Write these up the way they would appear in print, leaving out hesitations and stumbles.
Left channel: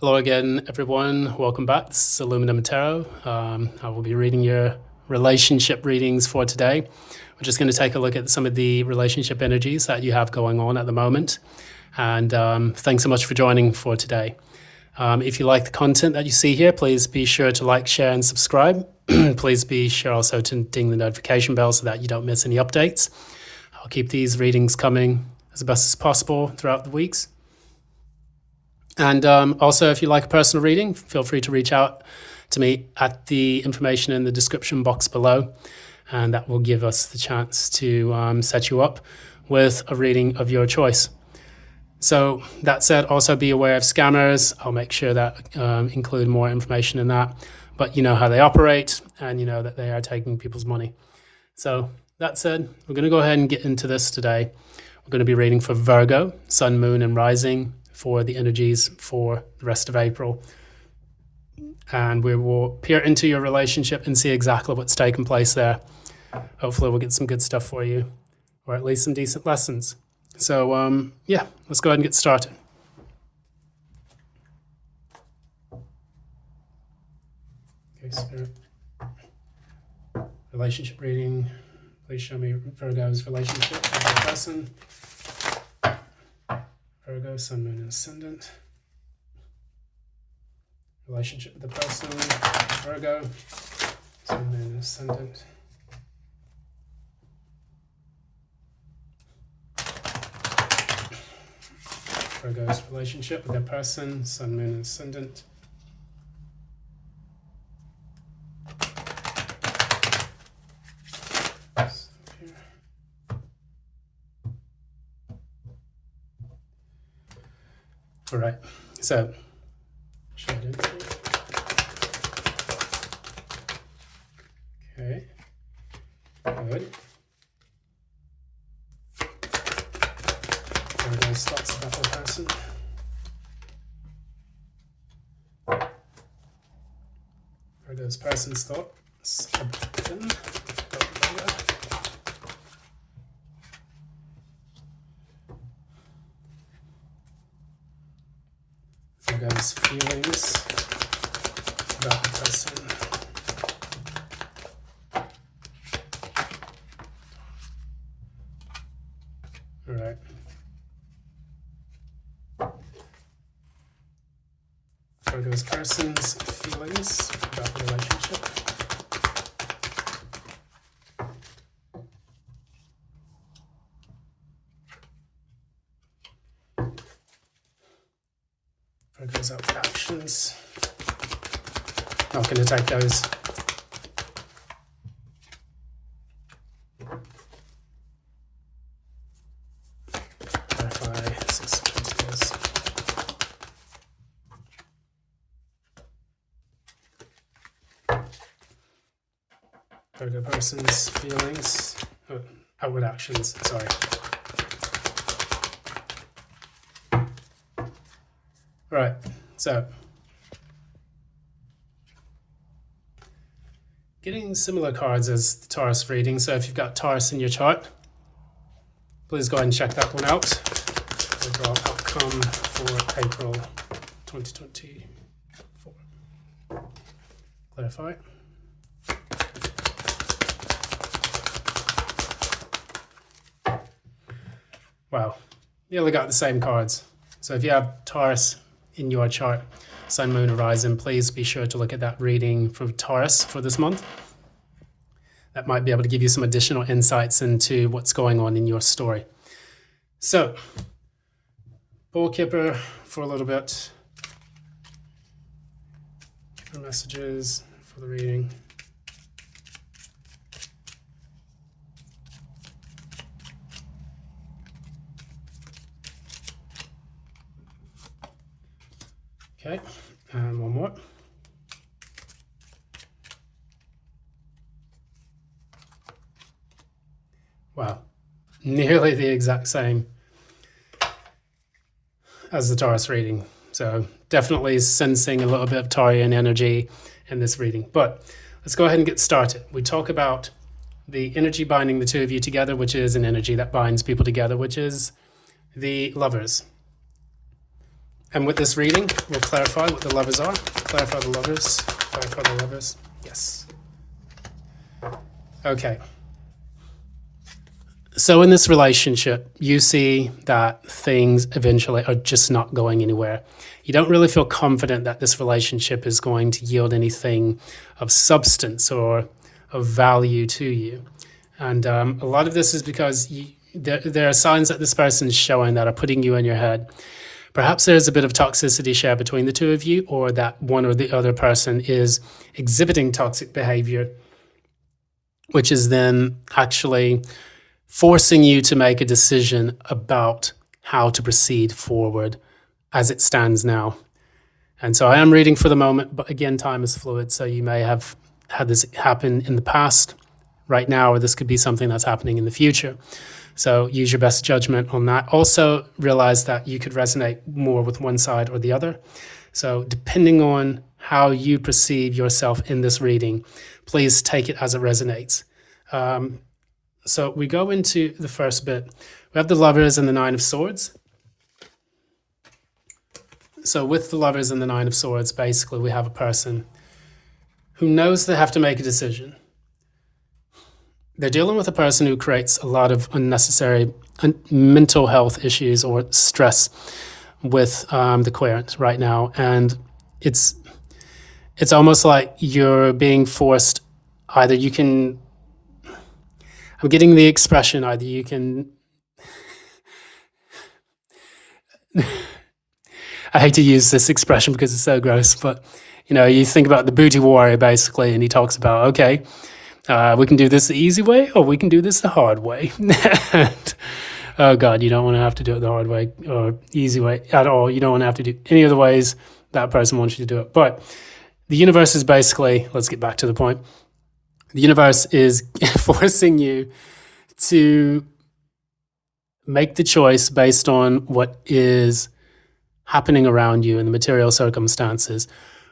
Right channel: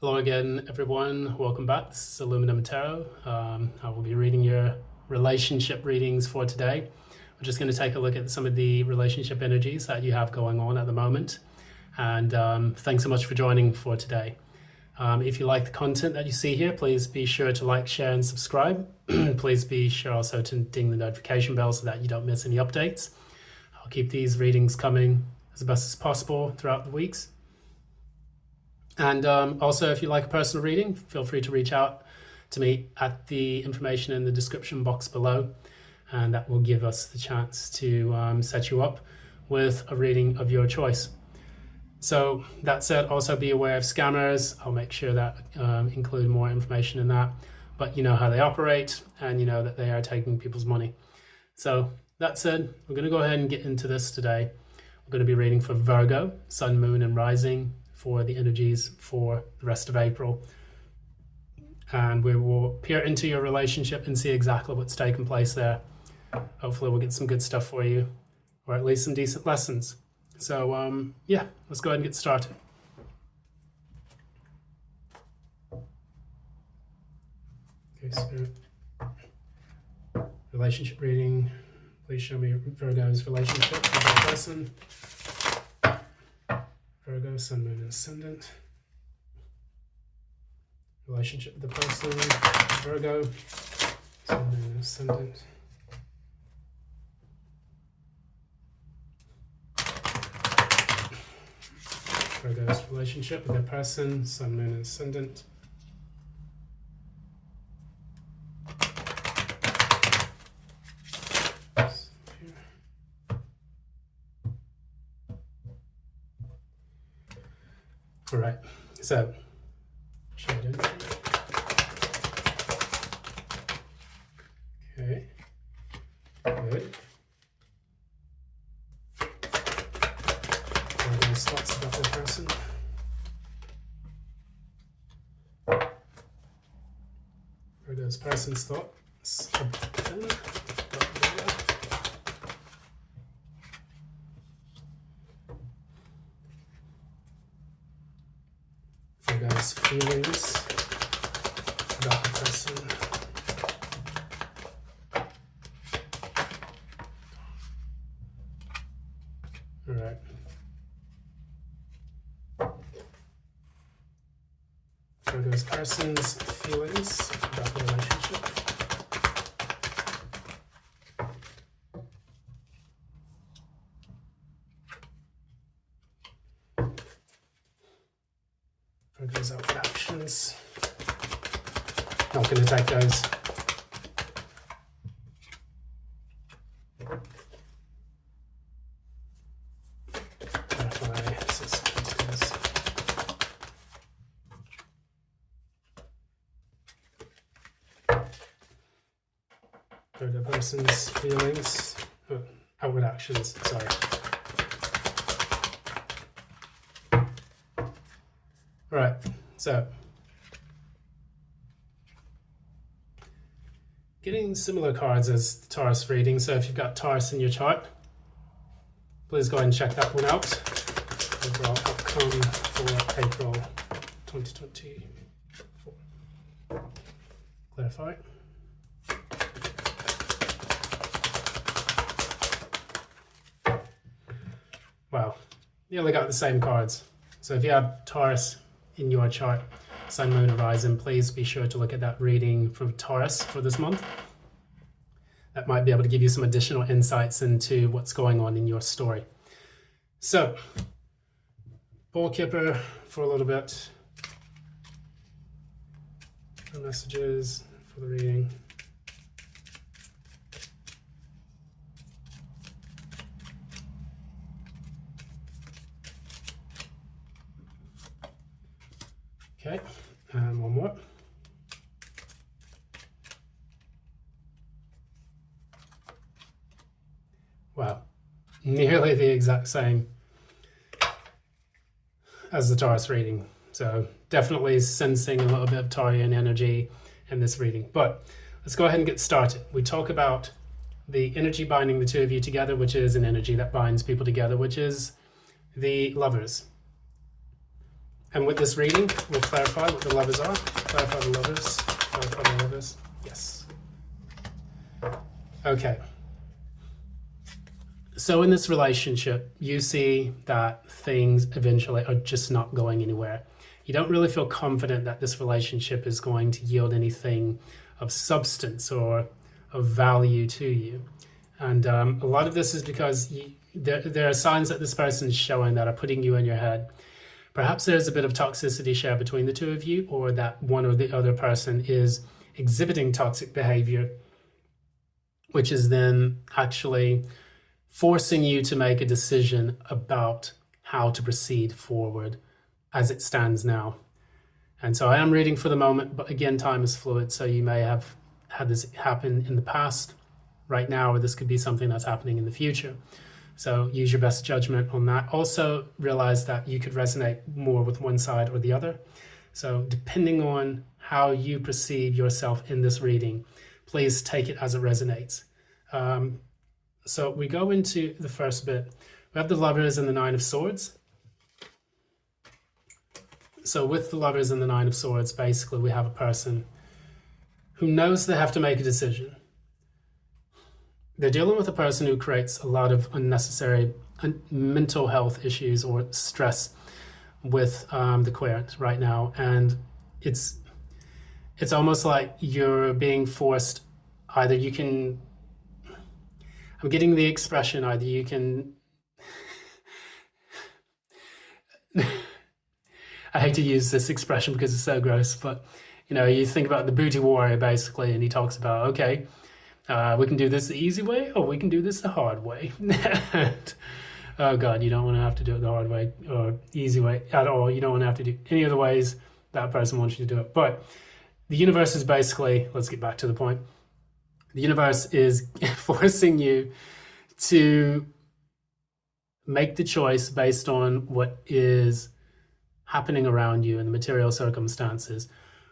Hello again, everyone. Welcome back. This is Aluminum Tarot. I will be reading your relationship readings for today. We're just going to take a look at some of the relationship energies that you have going on at the moment. And thanks so much for joining for today. If you like the content that you see here, please be sure to like, share, and subscribe. Please be sure also to ding the notification bell so that you don't miss any updates. I'll keep these readings coming as best as possible throughout the weeks. And also, if you like a personal reading, feel free to reach out to me at the information in the description box below. And that will give us the chance to set you up with a reading of your choice. So that said, also be aware of scammers. I'll make sure that include more information in that. But you know how they operate, and you know that they are taking people's money. So that said, we're going to go ahead and get into this today. We're going to be reading for Virgo, Sun, Moon, and Rising, for the energies for the rest of April. And we will peer into your relationship and see exactly what's taking place there. Hopefully we'll get some good stuff for you, or at least some decent lessons. So yeah, let's go ahead and get started. Okay, Spirit. Relationship reading. Please show me Virgo's relationship with the person. Virgo, Sun, Moon, and Ascendant. Relationship with the person. Virgo, Sun, Moon, and Ascendant. Virgo's relationship with their person. Sun, Moon, and Ascendant. All right, so shade energy. Okay, good. What are those thoughts about the person? What are those person's thoughts about them? Virgo's feelings about the person. All right. Virgo's person's feelings about the relationship. Virgo's actions. Not going to take those. Clarify suspicious. Virgo person's feelings. Oh, outward actions, sorry. All right, so getting similar cards as the Taurus reading. So if you've got Taurus in your chart, please go ahead and check that one out. Overall outcome for April 2024. Clarify. Wow, nearly got the same cards. So if you have Taurus in your chart, Sun, Moon, and Rising, please be sure to look at that reading for Taurus for this month. That might be able to give you some additional insights into what's going on in your story. So, ball kipper for a little bit. Messages for the reading. Okay, and one more. Wow, nearly the exact same as the Taurus reading. So definitely sensing a little bit of Taurian energy in this reading. But let's go ahead and get started. We talk about the energy binding the two of you together, which is an energy that binds people together, which is the Lovers. And with this reading, we'll clarify what the lovers are. Clarify the lovers. Clarify the lovers. Yes. Okay. So in this relationship, you see that things eventually are just not going anywhere. You don't really feel confident that this relationship is going to yield anything of substance or of value to you. And a lot of this is because there are signs that this person is showing that are putting you in your head. Perhaps there's a bit of toxicity shared between the two of you, or that one or the other person is exhibiting toxic behavior, which is then actually forcing you to make a decision about how to proceed forward as it stands now. And so I am reading for the moment, but again, time is fluid. So you may have had this happen in the past, right now, or this could be something that's happening in the future. So use your best judgment on that. Also realize that you could resonate more with one side or the other. So depending on how you perceive yourself in this reading, please take it as it resonates. So we go into the first bit. We have the lovers and the Nine of Swords. So with the lovers and the Nine of Swords, basically we have a person who knows they have to make a decision. They're dealing with a person who creates a lot of unnecessary mental health issues or stress with the querent right now. And it's almost like you're being forced, either you can, I'm getting the expression, either you can, I hate to use this expression because it's so gross, but you think about the booty warrior basically, and he talks about, okay, we can do this the easy way, or we can do this the hard way. And, oh God, you don't want to have to do it the hard way or easy way at all. You don't want to have to do any of the ways that person wants you to do it. But the universe is basically, let's get back to the point. The universe is forcing you to make the choice based on what is happening around you in the material circumstances,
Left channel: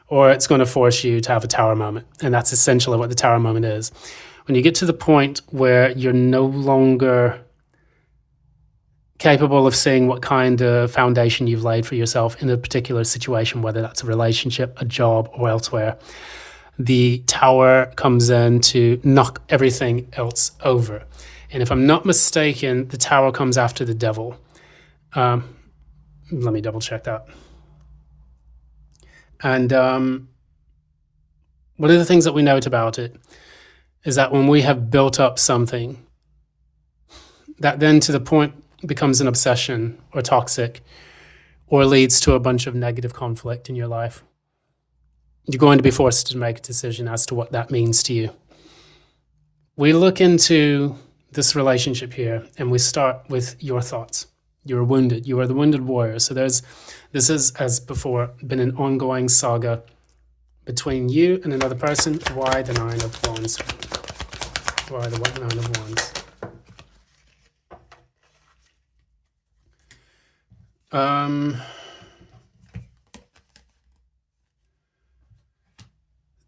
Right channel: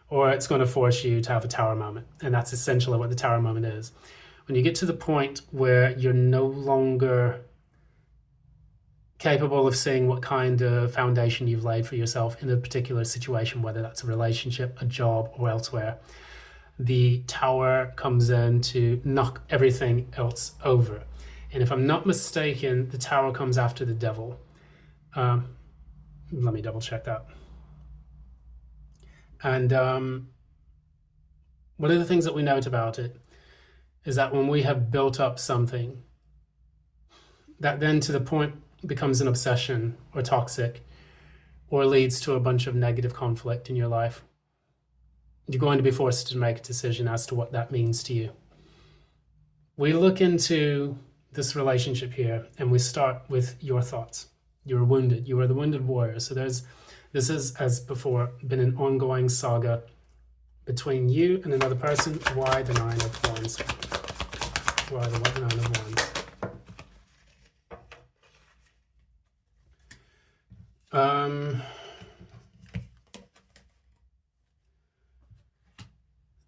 or it's going to force you to have a tower moment. And that's essentially what the tower moment is. When you get to the point where you're no longer capable of seeing what kind of foundation you've laid for yourself in a particular situation, whether that's a relationship, a job, or elsewhere, the tower comes in to knock everything else over. And if I'm not mistaken, the tower comes after the devil. Let me double check that. And one of the things that we note about it is that when we have built up something, that then to the point becomes an obsession or toxic, or leads to a bunch of negative conflict in your life, you're going to be forced to make a decision as to what that means to you. We look into this relationship here, and we start with your thoughts. You're wounded. You are the wounded warrior. So this is, as before, been an ongoing saga between you and another person. Why the Nine of Wands? Why the Nine of Wands?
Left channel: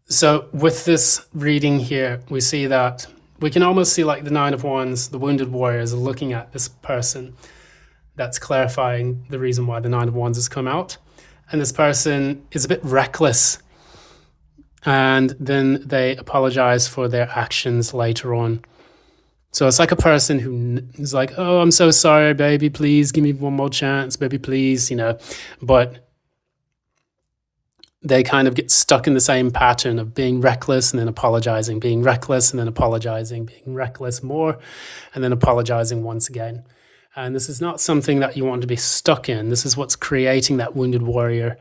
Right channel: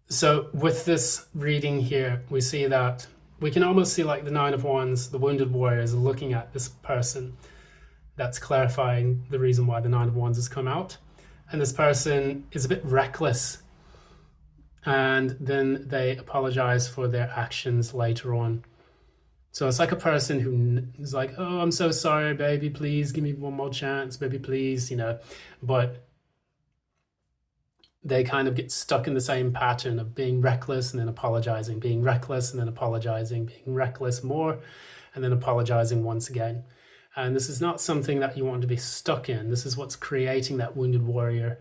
So with this reading here, we see that we can almost see like the Nine of Wands, the wounded warrior, is looking at this person. That's clarifying the reason why the Nine of Wands has come out. And this person is a bit reckless. And then they apologize for their actions later on. So it's like a person who is like, oh, I'm so sorry, baby, please give me one more chance, baby, please, But they kind of get stuck in the same pattern of being reckless and then apologizing, being reckless and then apologizing, being reckless more, and then apologizing once again. And this is not something that you want to be stuck in. This is what's creating that wounded warrior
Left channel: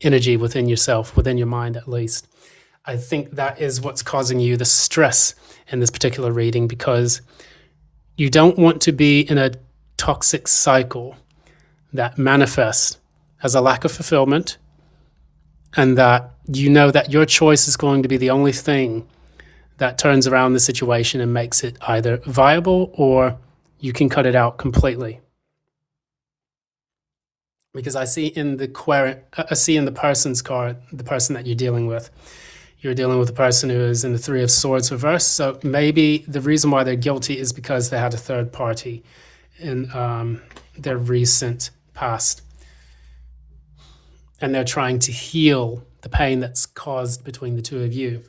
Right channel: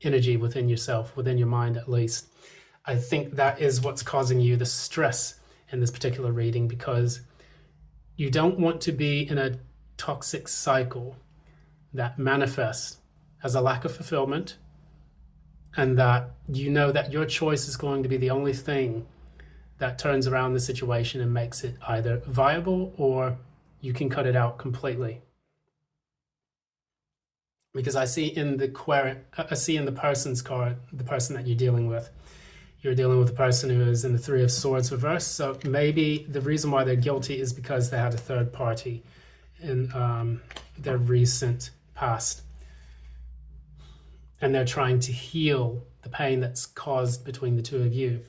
energy within yourself, within your mind at least. I think that is what's causing you the stress in this particular reading, because you don't want to be in a toxic cycle that manifests as a lack of fulfillment, and that you know that your choice is going to be the only thing that turns around the situation and makes it either viable, or you can cut it out completely. Because I see in the person's card, the person that you're dealing with a person who is in the Three of Swords reverse. So maybe the reason why they're guilty is because they had a third party in their recent past, and they're trying to heal the pain that's caused between the two of you.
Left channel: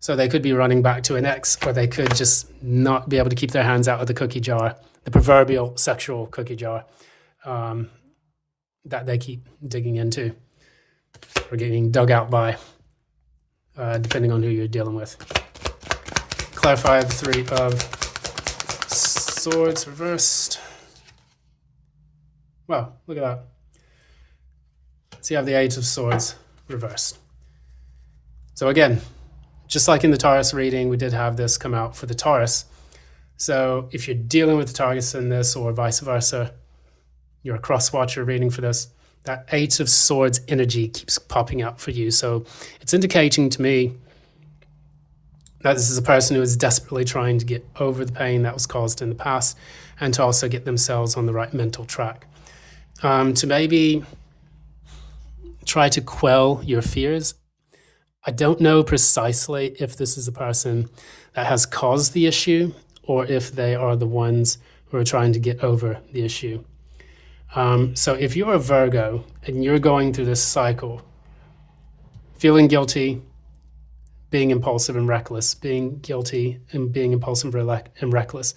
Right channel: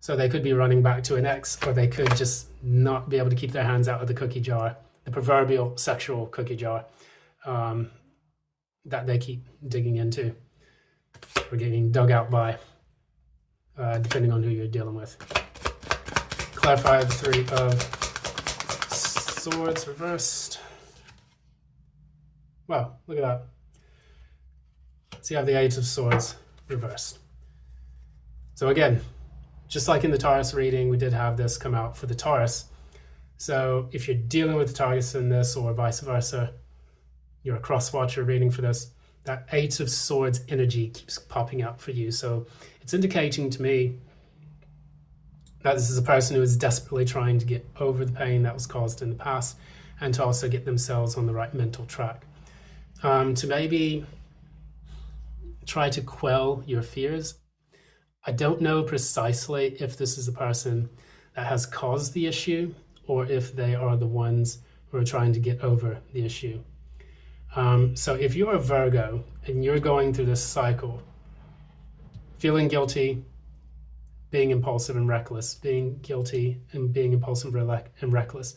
So they could be running back to an ex, or they could just not be able to keep their hands out of the cookie jar, the proverbial sexual cookie jar that they keep digging into or getting dug out by, depending on who you're dealing with. Clarify the Three of Swords reversed. Wow, look at that. So you have the Eight of Swords reversed. So again, just like in the Taurus reading, we did have this come out for the Taurus. So if you're dealing with the Taurus in this, or vice versa, you're a cross-watcher reading for this, that Eight of Swords energy keeps popping up for you. So it's indicating to me that this is a person who is desperately trying to get over the pain that was caused in the past, and to also get themselves on the right mental track. To maybe try to quell your fears. I don't know precisely if this is a person that has caused the issue, or if they are the ones who are trying to get over the issue. So if you're a Virgo and you're going through this cycle, feeling guilty, being impulsive and reckless, being guilty and being impulsive and reckless,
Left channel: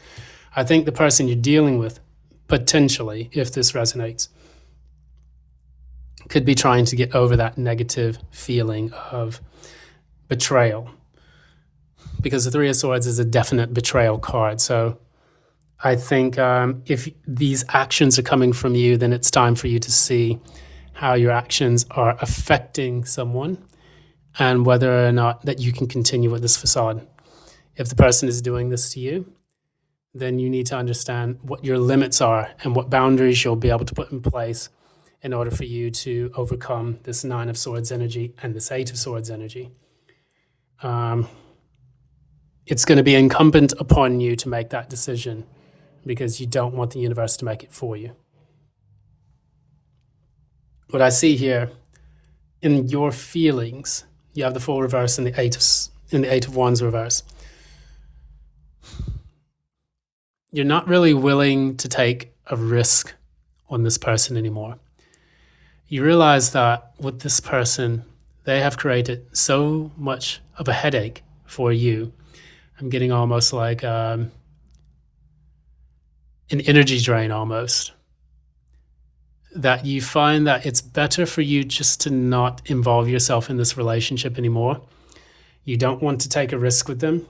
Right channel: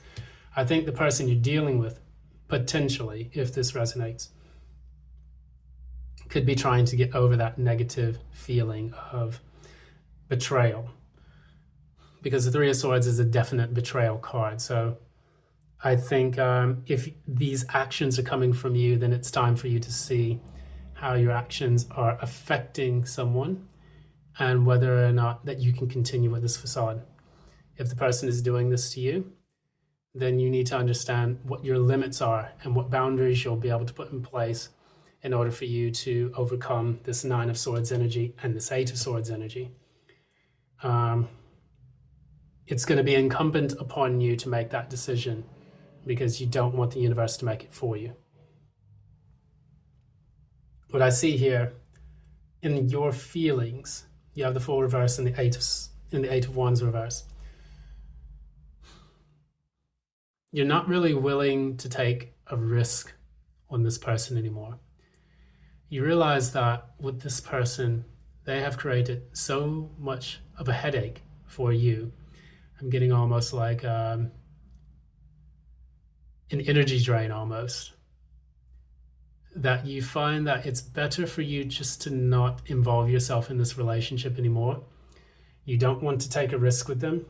I think the person you're dealing with, potentially, if this resonates, could be trying to get over that negative feeling of betrayal, because the Three of Swords is a definite betrayal card. So I think if these actions are coming from you, then it's time for you to see how your actions are affecting someone, and whether or not that you can continue with this facade. If the person is doing this to you, then you need to understand what your limits are and what boundaries you'll be able to put in place in order for you to overcome this Nine of Swords energy and this Eight of Swords energy. It's going to be incumbent upon you to make that decision, because you don't want the universe to make it for you. What I see here, in your feelings, you have the Fool reverse and the Eight of Wands reverse. You're not really willing to take a risk on this person anymore. You realize that with this person, they have created so much of a headache for you. I'm getting almost like an energy drain almost, that you find that it's better for you just to not involve yourself in this relationship anymore. You don't want to take a risk with them.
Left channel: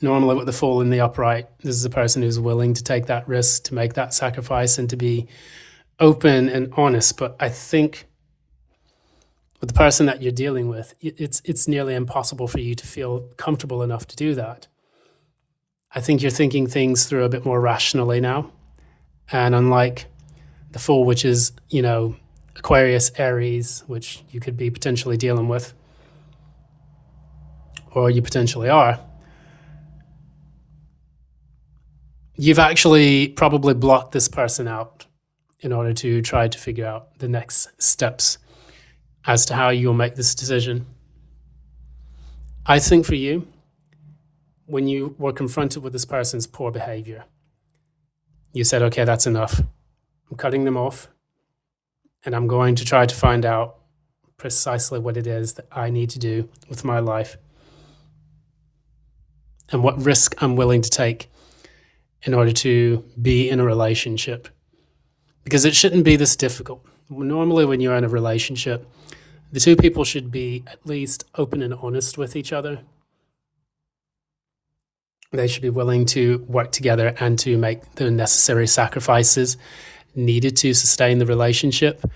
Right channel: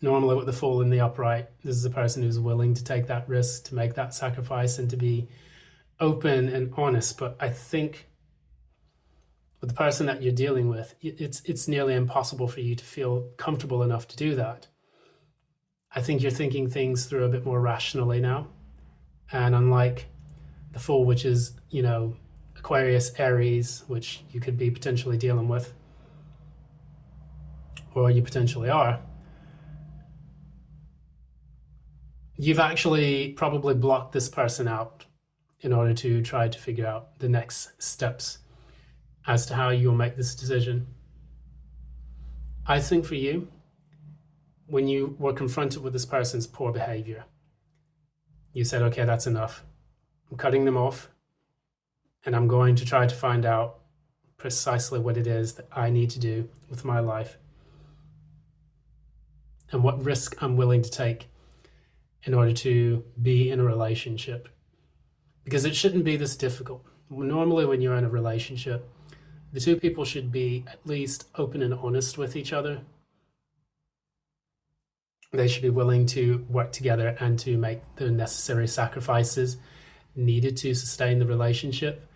Normally with the Fool in the upright, this is a person who's willing to take that risk, to make that sacrifice, and to be open and honest. But I think with the person that you're dealing with, it's nearly impossible for you to feel comfortable enough to do that. I think you're thinking things through a bit more rationally now. And unlike the Fool, which is, Aquarius, Aries, which you could be potentially dealing with, or you potentially are, you've actually probably blocked this person out in order to try to figure out the next steps as to how you'll make this decision. I think for you, when you were confronted with this person's poor behavior, you said, okay, that's enough. I'm cutting them off, and I'm going to try to find out precisely what it is that I need to do with my life, and what risk I'm willing to take in order to be in a relationship. Because it shouldn't be this difficult. Normally when you're in a relationship, the two people should be at least open and honest with each other. They should be willing to work together and to make the necessary sacrifices needed to sustain the relationship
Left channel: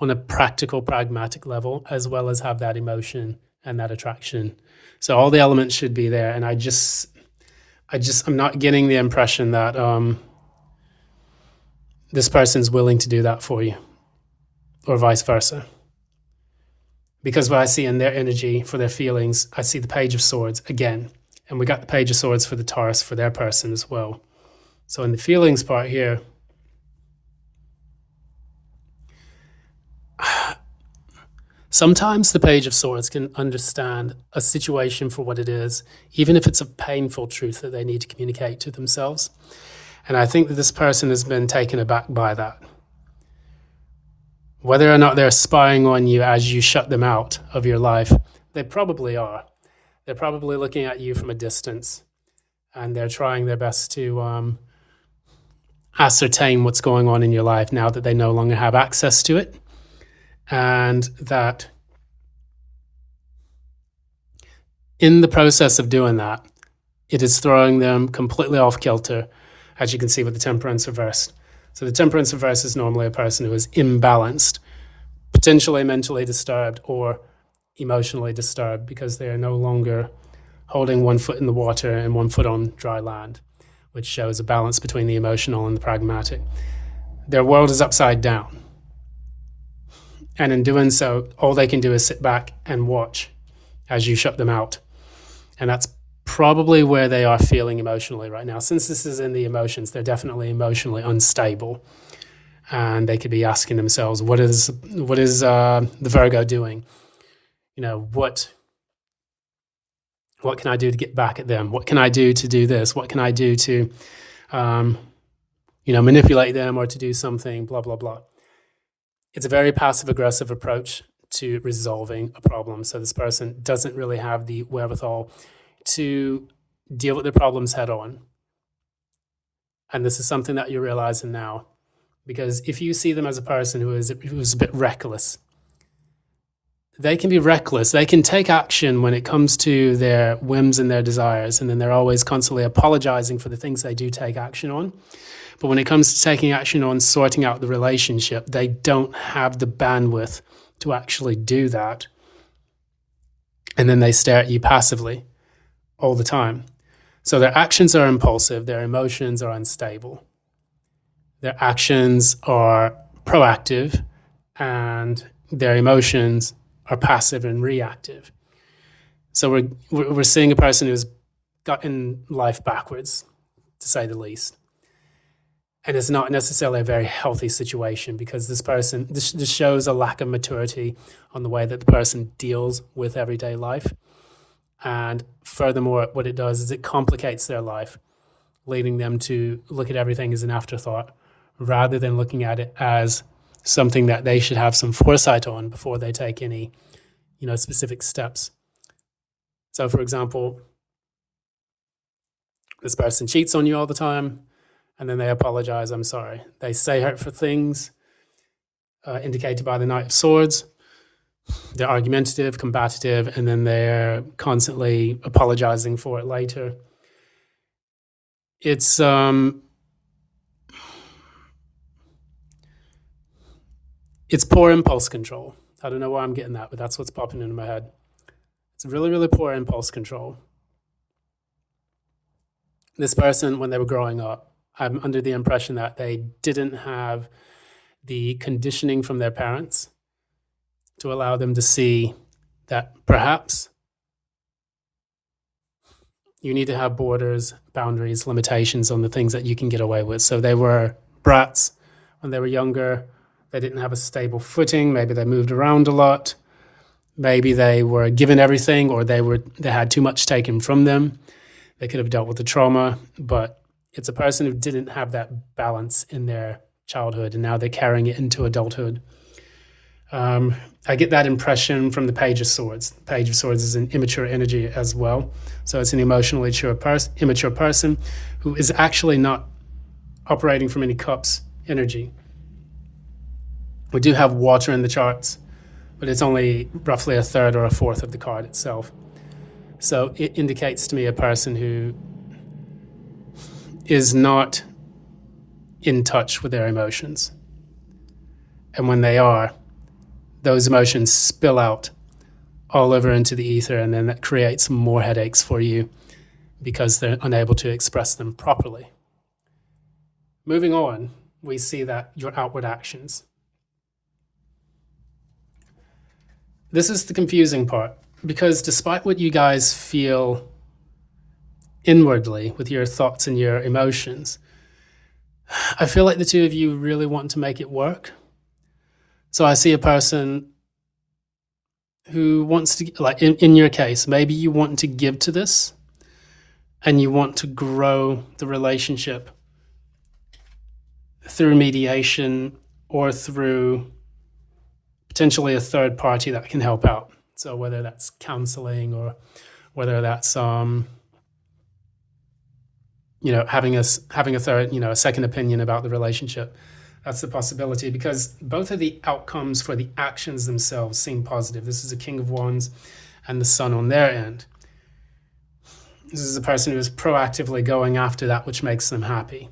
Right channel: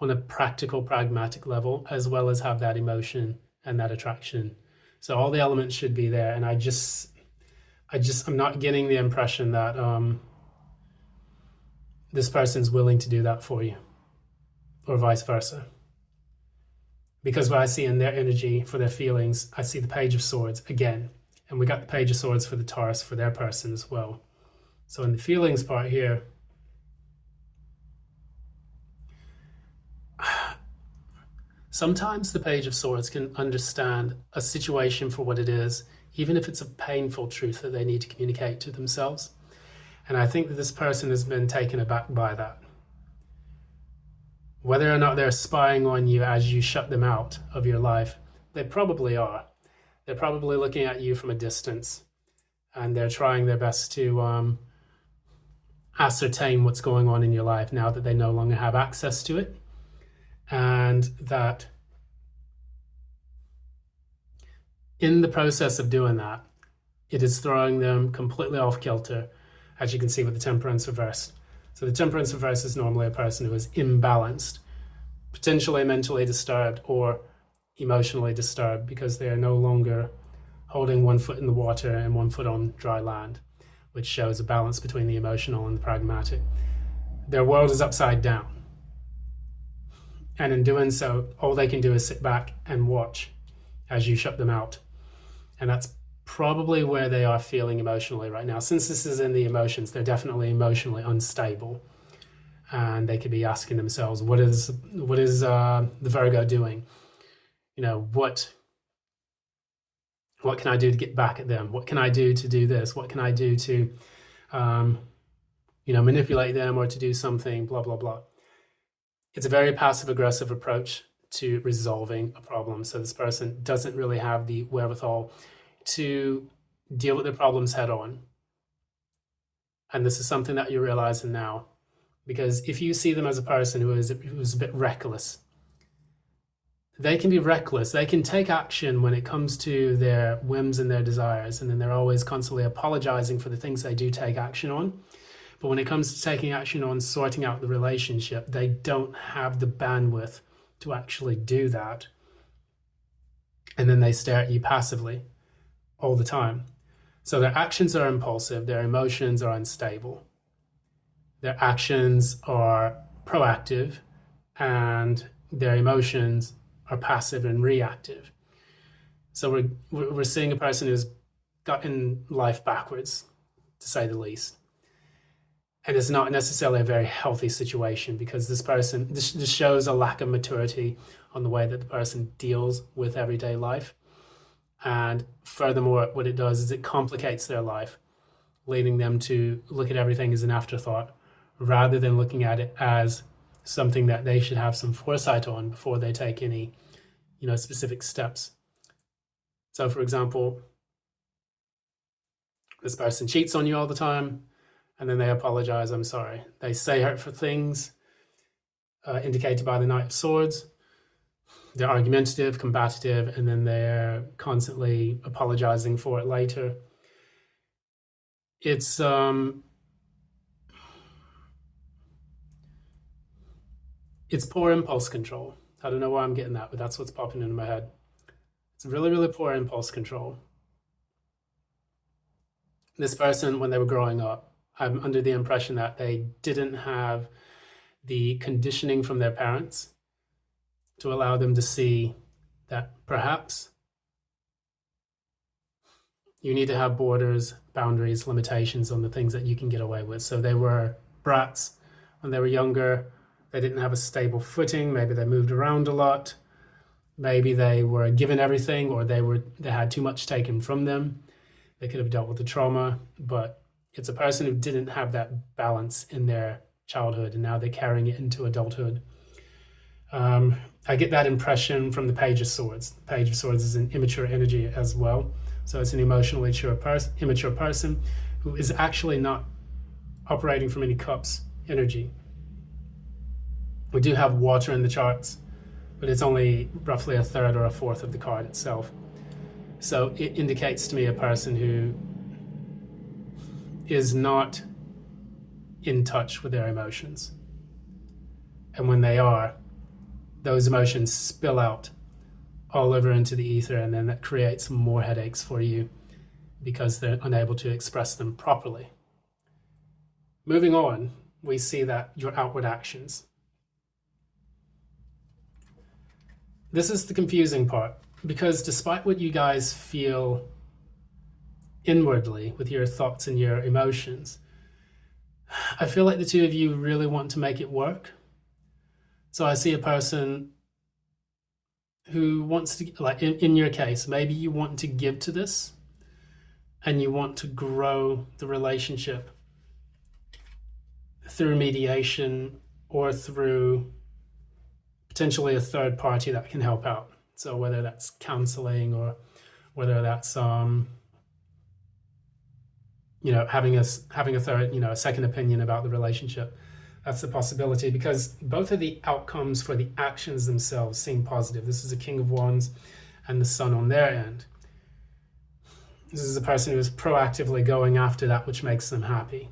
on a practical, pragmatic level, as well as have that emotion and that attraction. So all the elements should be there. And I'm not getting the impression that this person's willing to do that for you, or vice versa. Because what I see in their energy, for their feelings, I see the Page of Swords again. And we got the Page of Swords for the Taurus, for their person as well. So in the feelings part here, sometimes the Page of Swords can understand a situation for what it is, even if it's a painful truth that they need to communicate to themselves. And I think that this person has been taken aback by that. Whether or not they're spying on you as you shut them out of your life, they probably are. They're probably looking at you from a distance, and they're trying their best to ascertain what's going on in your life now that they no longer have access to it, and that in the process of doing that, it is throwing them completely off kilter, as you can see with the temperance reversed. So the temperance reverse is normally a person who is imbalanced, potentially mentally disturbed or emotionally disturbed, because they are no longer holding one foot in the water and one foot on dry land, which shows a balance between the emotional and the pragmatic. Their world is upside down. And in doing so, all they can do is sit back and watch as you shut them out. And that's probably where they are feeling emotionally right now. Since this is in the emotions, they're definitely emotionally unstable. And they could be asking themselves, what is the Virgo doing? What can I do to get back at them? What can I do to do this? What can I do to, manipulate them or to do something, blah, blah, blah. It's a very passive-aggressive approach to resolving a problem. So this person doesn't really have the wherewithal to deal with the problems head on. And this is something that you're realizing now. Because if you see them as a person who's a bit reckless, they can be reckless. They can take action when it comes to their whims and their desires, and then they're always constantly apologizing for the things they do take action on. But when it comes to taking action on sorting out the relationship, they don't have the bandwidth to actually do that. And then they stare at you passively all the time. So their actions are impulsive, their emotions are unstable. Their actions are proactive, and their emotions are passive and reactive. So we're seeing a person who's gotten life backwards, to say the least. And it's not necessarily a very healthy situation, because this shows a lack of maturity on the way that the person deals with everyday life. And furthermore, what it does is it complicates their life, leading them to look at everything as an afterthought, rather than looking at it as something that they should have some foresight on before they take any, specific steps. So, for example, this person cheats on you all the time, and then they apologize, I'm sorry. They say hurtful things, indicated by the Knight of Swords. They're argumentative, combative, and then they're constantly apologizing for it later. It's poor impulse control. I don't know why I'm getting that, but that's what's popping into my head. It's really, really poor impulse control. This person, when they were growing up, I'm under the impression that they didn't have the conditioning from their parents to allow them to see that perhaps you need to have borders, boundaries, limitations on the things that you can get away with. So they were brats when they were younger. They didn't have a stable footing. Maybe they moved around a lot. Maybe they were given everything, or they had too much taken from them. They could have dealt with the trauma, but it's a person who didn't have that balance in their childhood, and now they're carrying it into adulthood. I get that impression from the Page of Swords. The Page of Swords is an immature energy as well. So it's an emotionally immature person who is actually not operating from any cups energy. We do have water in the charts, but it's only roughly a third or a fourth of the card itself. So it indicates to me a person who is not in touch with their emotions. And when they are, those emotions spill out all over into the ether, and then that creates more headaches for you because they're unable to express them properly. Moving on, we see that your outward actions. This is the confusing part, because despite what you guys feel inwardly with your thoughts and your emotions, I feel like the two of you really want to make it work. So I see a person who wants to, like in your case, maybe you want to give to this and you want to grow the relationship through mediation or through potentially a third party that can help out. So whether that's counseling or whether that's having a third, a second opinion about the relationship. That's the possibility, because both of the outcomes for the actions themselves seem positive. This is a King of Wands and the Sun on their end. This is a person who is proactively going after that which makes them happy.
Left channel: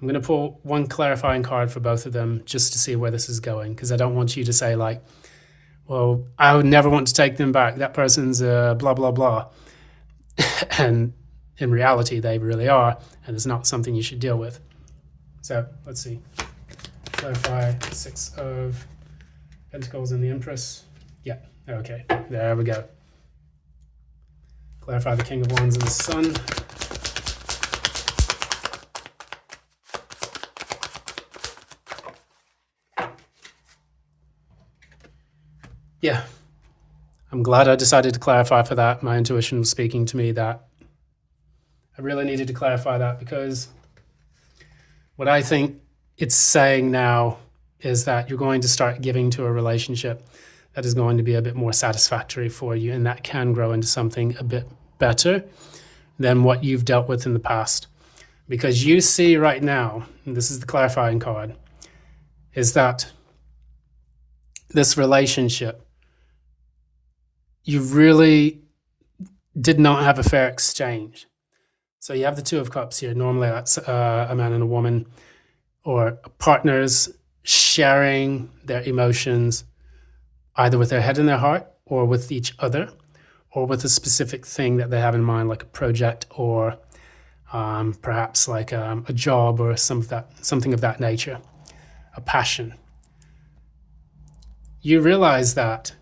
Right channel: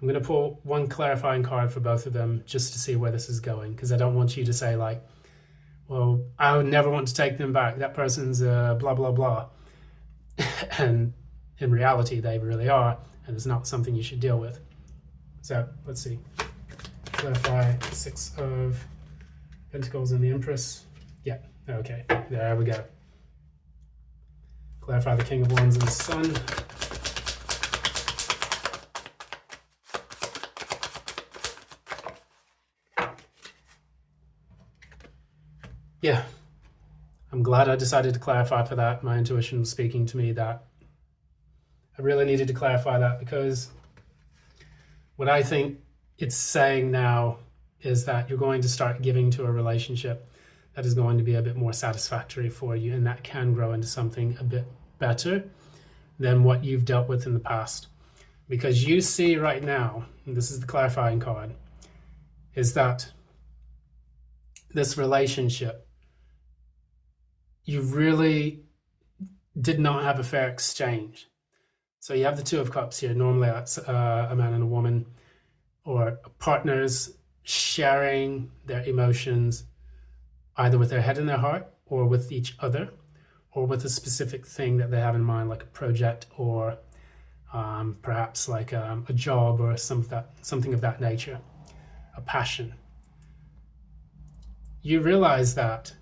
I'm going to pull one clarifying card for both of them just to see where this is going, because I don't want you to say like, well, I would never want to take them back. That person's blah, blah, blah. And in reality, they really are, and it's not something you should deal with. So let's see. Clarify 6 of Pentacles and the Empress. Yeah, okay, there we go. Clarify the King of Wands and the Sun. Yeah, I'm glad I decided to clarify for that. My intuition was speaking to me that I really needed to clarify that, because what I think it's saying now is that you're going to start giving to a relationship that is going to be a bit more satisfactory for you, and that can grow into something a bit better than what you've dealt with in the past. Because you see right now, and this is the clarifying card, is that this relationship, you really did not have a fair exchange. So you have the Two of Cups here. Normally that's a man and a woman, or partners sharing their emotions either with their head and their heart, or with each other, or with a specific thing that they have in mind, like a project, or perhaps like a job, or something of that nature, a passion. You realize that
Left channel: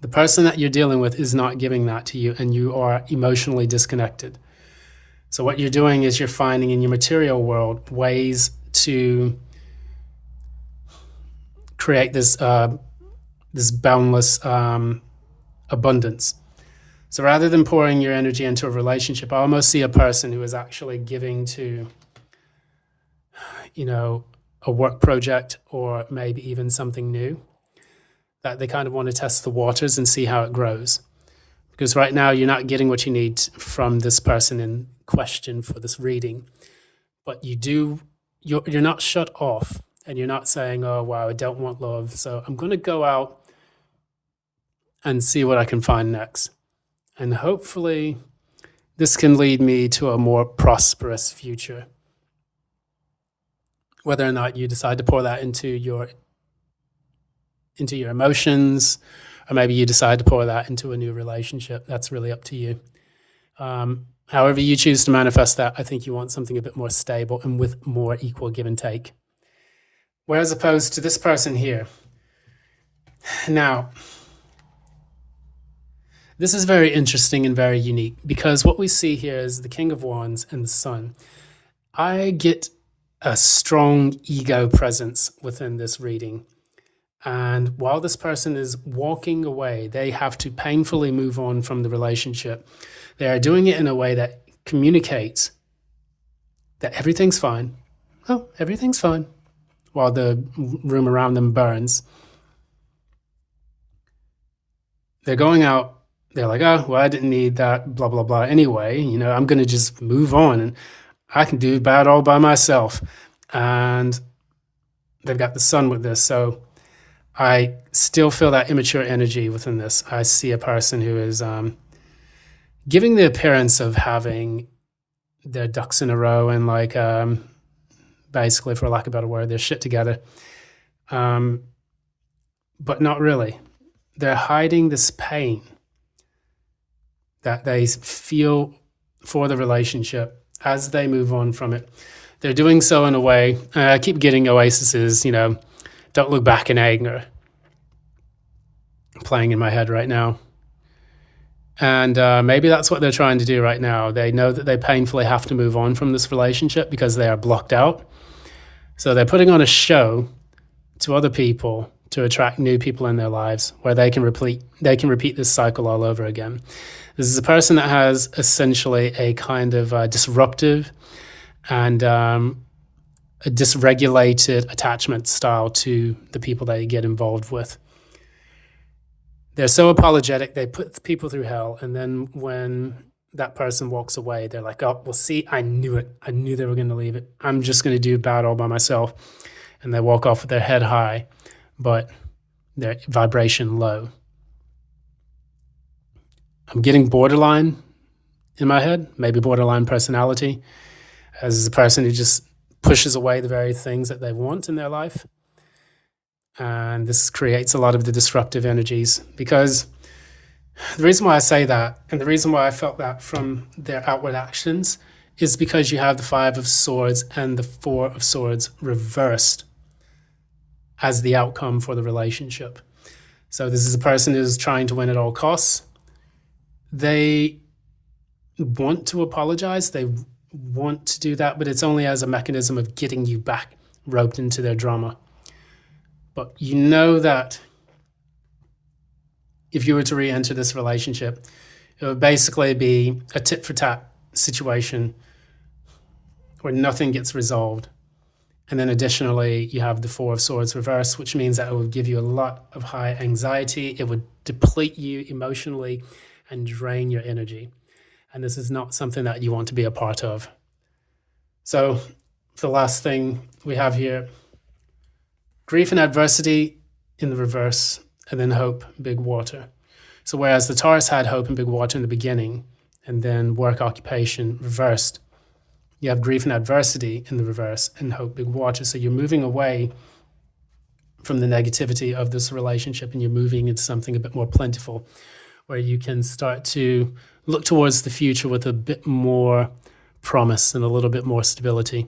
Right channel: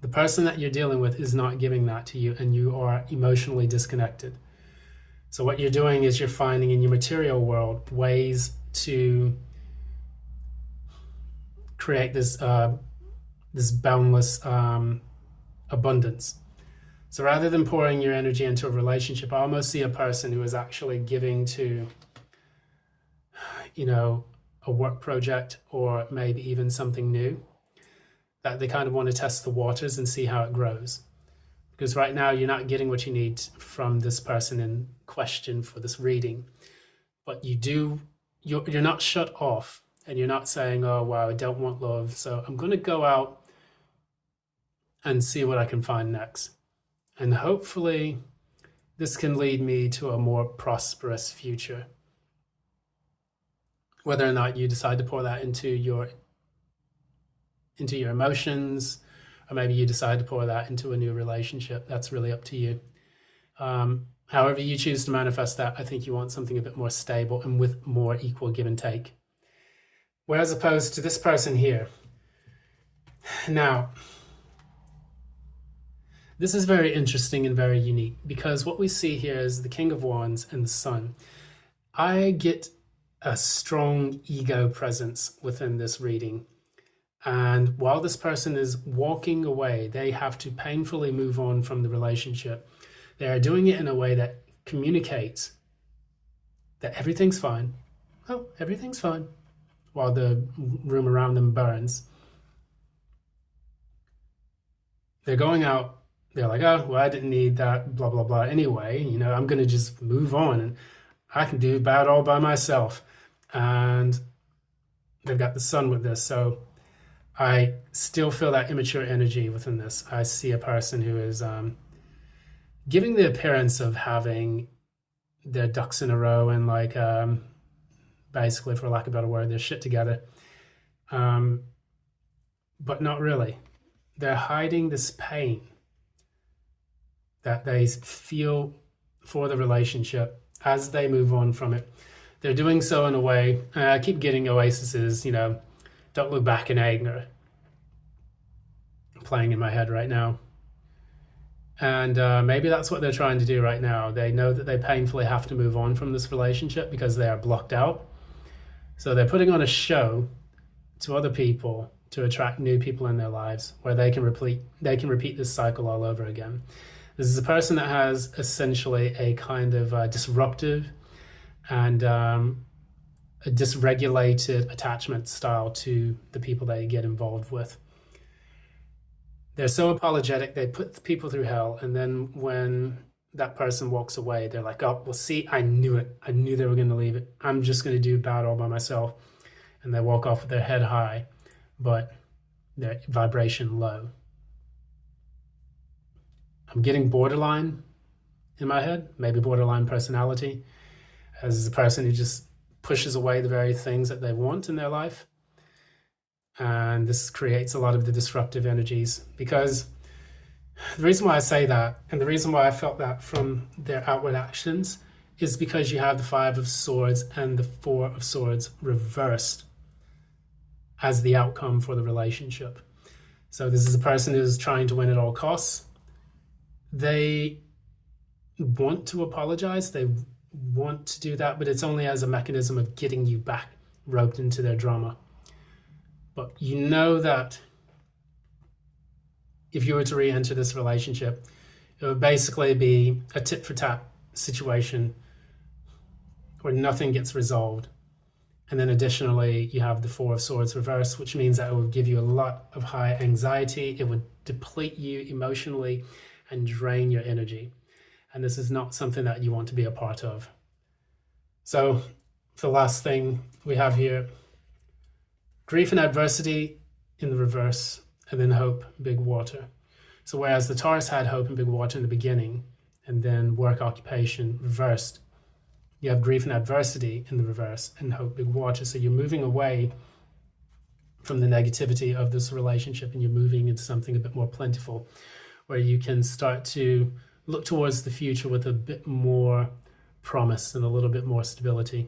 the person that you're dealing with is not giving that to you, and you are emotionally disconnected. So what you're doing is you're finding in your material world ways to create this boundless abundance. So rather than pouring your energy into a relationship, I almost see a person who is actually giving to, a work project, or maybe even something new, that they kind of want to test the waters and see how it grows. Because right now you're not getting what you need from this person in question for this reading, but you're not shut off, and you're not saying, oh, wow, I don't want love, so I'm going to go out and see what I can find next. And hopefully this can lead me to a more prosperous future. Whether or not you decide to pour that into your emotions, or maybe you decide to pour that into a new relationship, that's really up to you. However you choose to manifest that, I think you want something a bit more stable and with more equal give and take. Whereas opposed to this person here. Now, this is very interesting and very unique, because what we see here is the King of Wands and the Sun. I get a strong ego presence within this reading. And while this person is walking away, they have to painfully move on from the relationship. They are doing it in a way that communicates that everything's fine. Oh, everything's fine. While the room around them burns. They're going out. They're like, oh, well, I didn't need that, blah, blah, blah. Anyway, I'm going to just move on, and I can do bad all by myself. And they've got the Sun with this. So I still feel that immature energy within this. I see a person who is giving the appearance of having their ducks in a row, and like basically, for lack of a better word, their shit together. But not really. They're hiding this pain that they feel for the relationship as they move on from it. They're doing so in a way, I keep getting Oasis's, don't look back in anger, playing in my head right now. And maybe that's what they're trying to do right now. They know that they painfully have to move on from this relationship because they are blocked out. So they're putting on a show to other people to attract new people in their lives, where they can repeat this cycle all over again. This is a person that has essentially a kind of disruptive and a dysregulated attachment style to the people that you get involved with. They're so apologetic, they put people through hell, and then when that person walks away, they're like, oh, well, see, I knew it. I knew they were going to leave it. I'm just going to do bad all by myself. And they walk off with their head high, but their vibration low. I'm getting borderline in my head, maybe borderline personality, as a person who just pushes away the very things that they want in their life. And this creates a lot of the disruptive energies, because the reason why I say that, and the reason why I felt that from their outward actions, is because you have the Five of Swords and the Four of Swords reversed as the outcome for the relationship. So this is a person who's trying to win at all costs. They want to apologize. They want to do that, but it's only as a mechanism of getting you back roped into their drama. But you know that if you were to re-enter this relationship, it would basically be a tit for tat situation where nothing gets resolved. And then additionally, you have the Four of Swords reversed, which means that it will give you a lot of high anxiety. It would deplete you emotionally and drain your energy. And this is not something that you want to be a part of. So the last thing we have here, grief and adversity in the reverse, and then hope, big water. So whereas the Taurus had hope and big water in the beginning, and then work, occupation reversed, you have grief and adversity in the reverse and hope, big water. So you're moving away from the negativity of this relationship, and you're moving into something a bit more plentiful, where you can start to look towards the future with a bit more promise and a little bit more stability.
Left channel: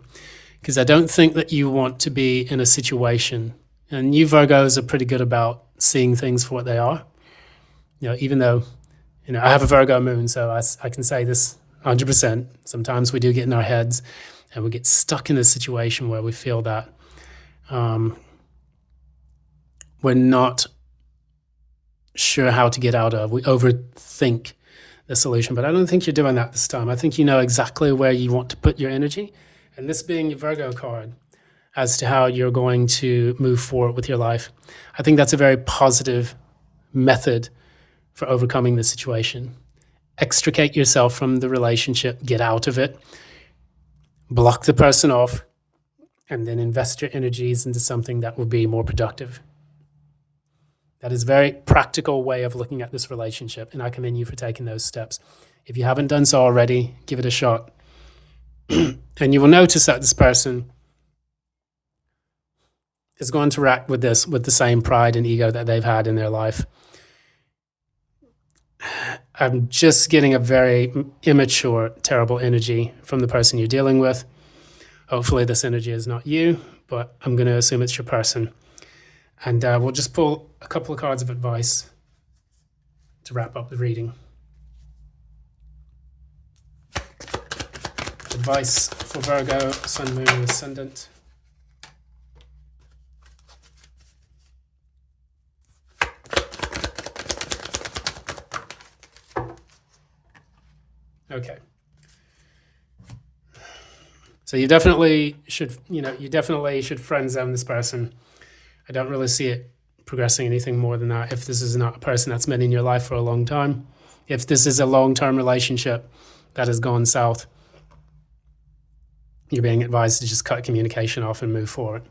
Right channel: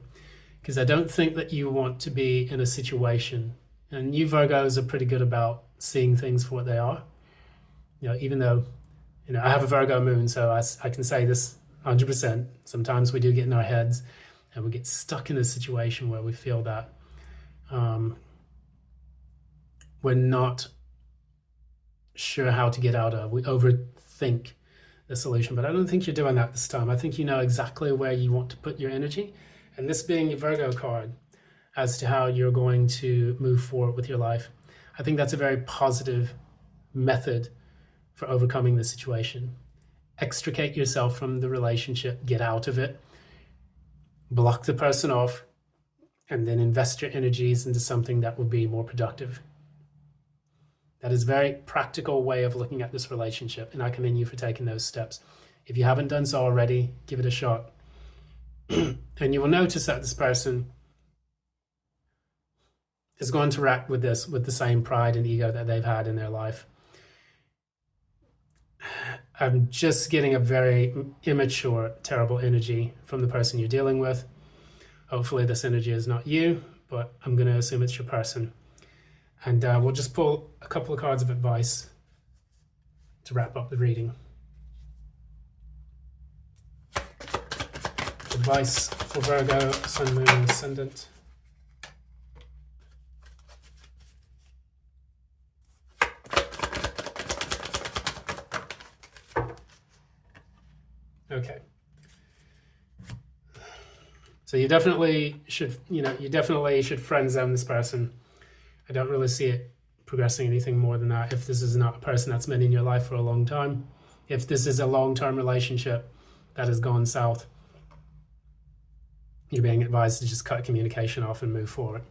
Because I don't think that you want to be in a situation, and you Virgos are pretty good about seeing things for what they are. Even though, I have a Virgo moon, so I can say this 100%. Sometimes we do get in our heads and we get stuck in a situation where we feel that we're not sure how to get out of. We overthink the solution, but I don't think you're doing that this time. I think you know exactly where you want to put your energy, and this being your Virgo card as to how you're going to move forward with your life. I think that's a very positive method for overcoming the situation. Extricate yourself from the relationship, get out of it, block the person off, and then invest your energies into something that will be more productive. That is a very practical way of looking at this relationship, and I commend you for taking those steps. If you haven't done so already, give it a shot. And you will notice that this person is going to react with this with the same pride and ego that they've had in their life. I'm just getting a very immature, terrible energy from the person you're dealing with. Hopefully this energy is not you, but I'm going to assume it's your person. And we'll just pull a couple of cards of advice to wrap up the reading. Advice for Virgo, Sun, Moon, and Ascendant. Okay. So you definitely should friend zone this person. I don't really see it progressing anything more than that if this is not a person that's been in your life for a long time. If this is a long-term relationship that has gone south, you're being advised to just cut communication off and move forward.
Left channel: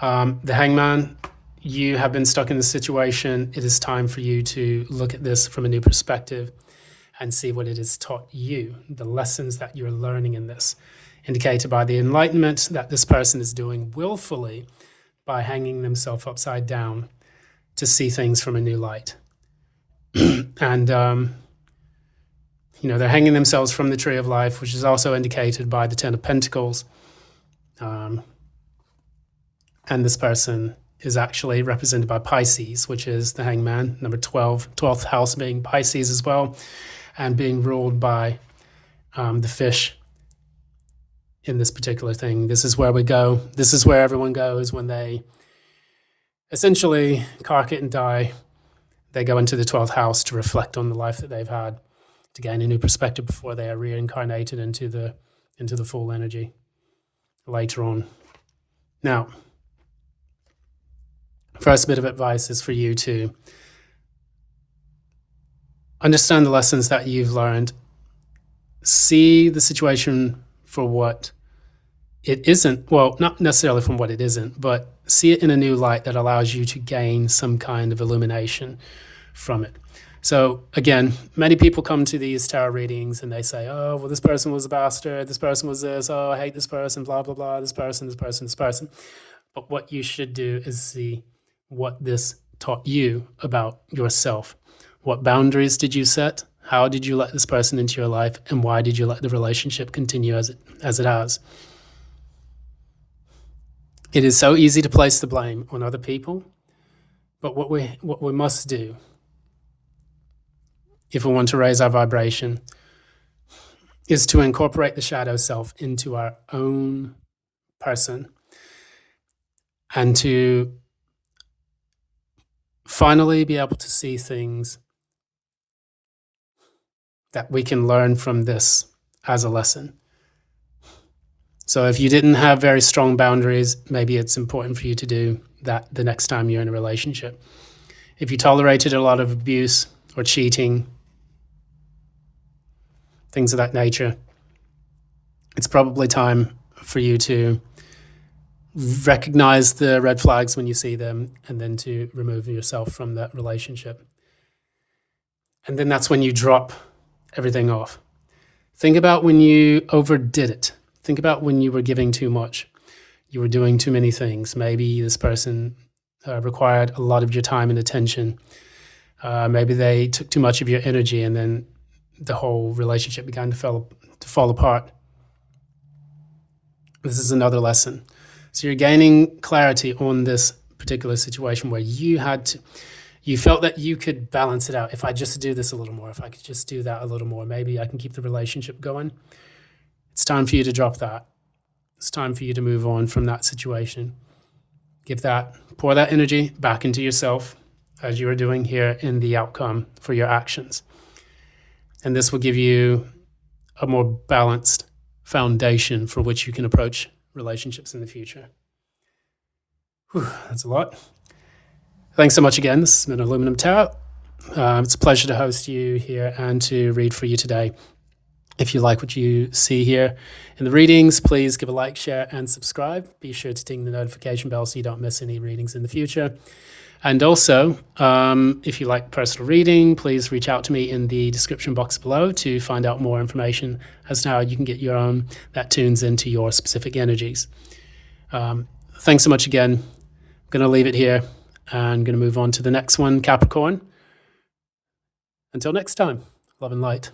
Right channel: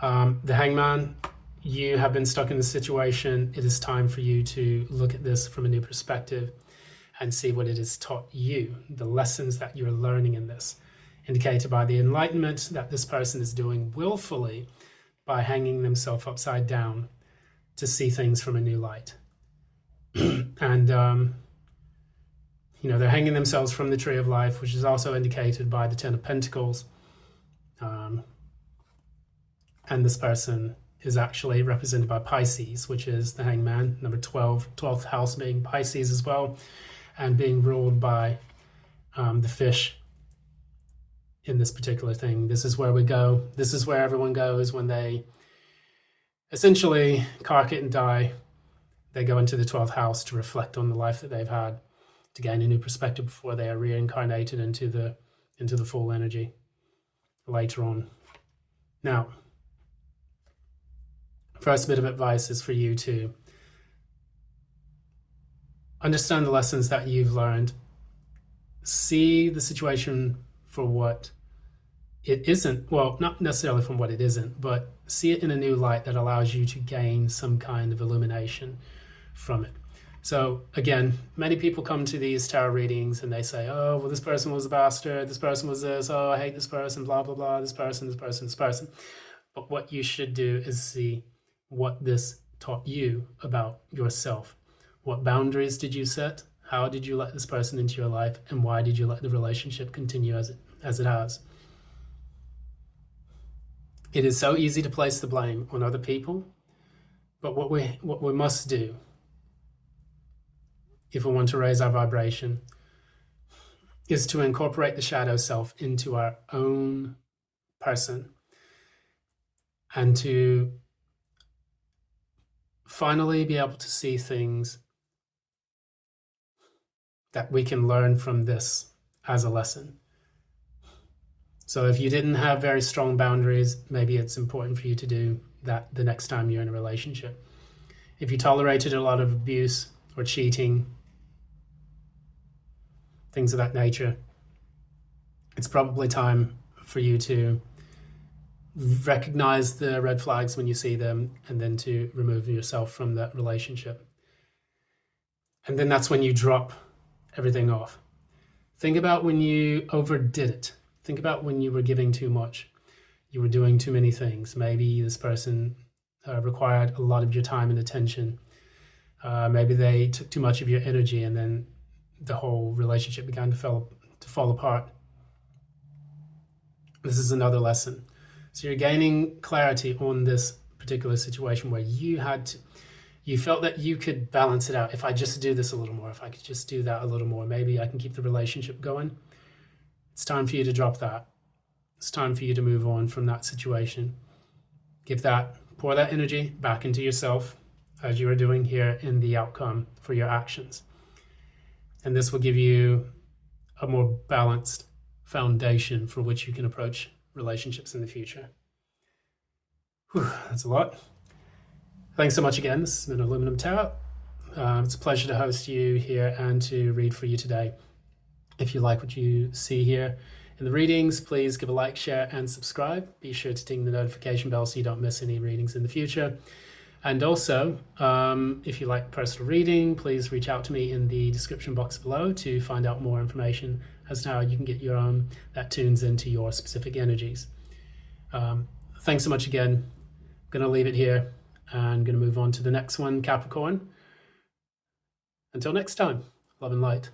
The Hangman, you have been stuck in this situation. It is time for you to look at this from a new perspective and see what it has taught you, the lessons that you're learning in this, indicated by the enlightenment that this person is doing willfully by hanging themselves upside down to see things from a new light. And, they're hanging themselves from the tree of life, which is also indicated by the Ten of Pentacles. And this person is actually represented by Pisces, which is the Hangman, number 12, 12th house being Pisces as well, and being ruled by the fish in this particular thing. This is where we go. This is where everyone goes when they essentially cark it and die. They go into the 12th house to reflect on the life that they've had, to gain a new perspective before they are reincarnated into the full energy. later on. Now, first bit of advice is for you to understand the lessons that you've learned. See the situation for what it isn't. Well, not necessarily from what it isn't, but see it in a new light that allows you to gain some kind of illumination from it. So again, many people come to these tarot readings and they say, oh, well, this person was a bastard, this person was this, oh, I hate this person, blah, blah, blah, this person, this person, this person. But what you should do is see what this taught you about yourself. What boundaries did you set? How did you let this person into your life? And why did you let the relationship continue as it has? It is so easy to place the blame on other people, but what we must do, if we want to raise our vibration, is to incorporate the shadow self into our own person and to finally be able to see things that we can learn from this as a lesson. So if you didn't have very strong boundaries, maybe it's important for you to do that the next time you're in a relationship. If you tolerated a lot of abuse or cheating, things of that nature, it's probably time for you to recognize the red flags when you see them and then to remove yourself from that relationship. And then that's when you drop everything off. Think about when you overdid it. Think about when you were giving too much. You were doing too many things. Maybe this person required a lot of your time and attention. Maybe they took too much of your energy and then the whole relationship began to fall apart. This is another lesson. So you're gaining clarity on this particular situation where you felt that you could balance it out. If I just do this a little more, if I could just do that a little more, maybe I can keep the relationship going. It's time for you to drop that. It's time for you to move on from that situation. Pour that energy back into yourself as you are doing here in the outcome for your actions. And this will give you a more balanced foundation for which you can approach relationships in the future. Whew, that's a lot. Thanks so much again. This has been Aluminum Tarot. It's a pleasure to host you here and to read for you today. If you like what you see here in the readings, please give a like, share, and subscribe. Be sure to ding the notification bell so you don't miss any readings in the future. And also, if you like personal reading, please reach out to me in the description box below to find out more information as to how you can get your own that tunes into your specific energies. Thanks so much again. I'm going to leave it here and I'm going to move on to the next one, Capricorn. Until next time, love and light.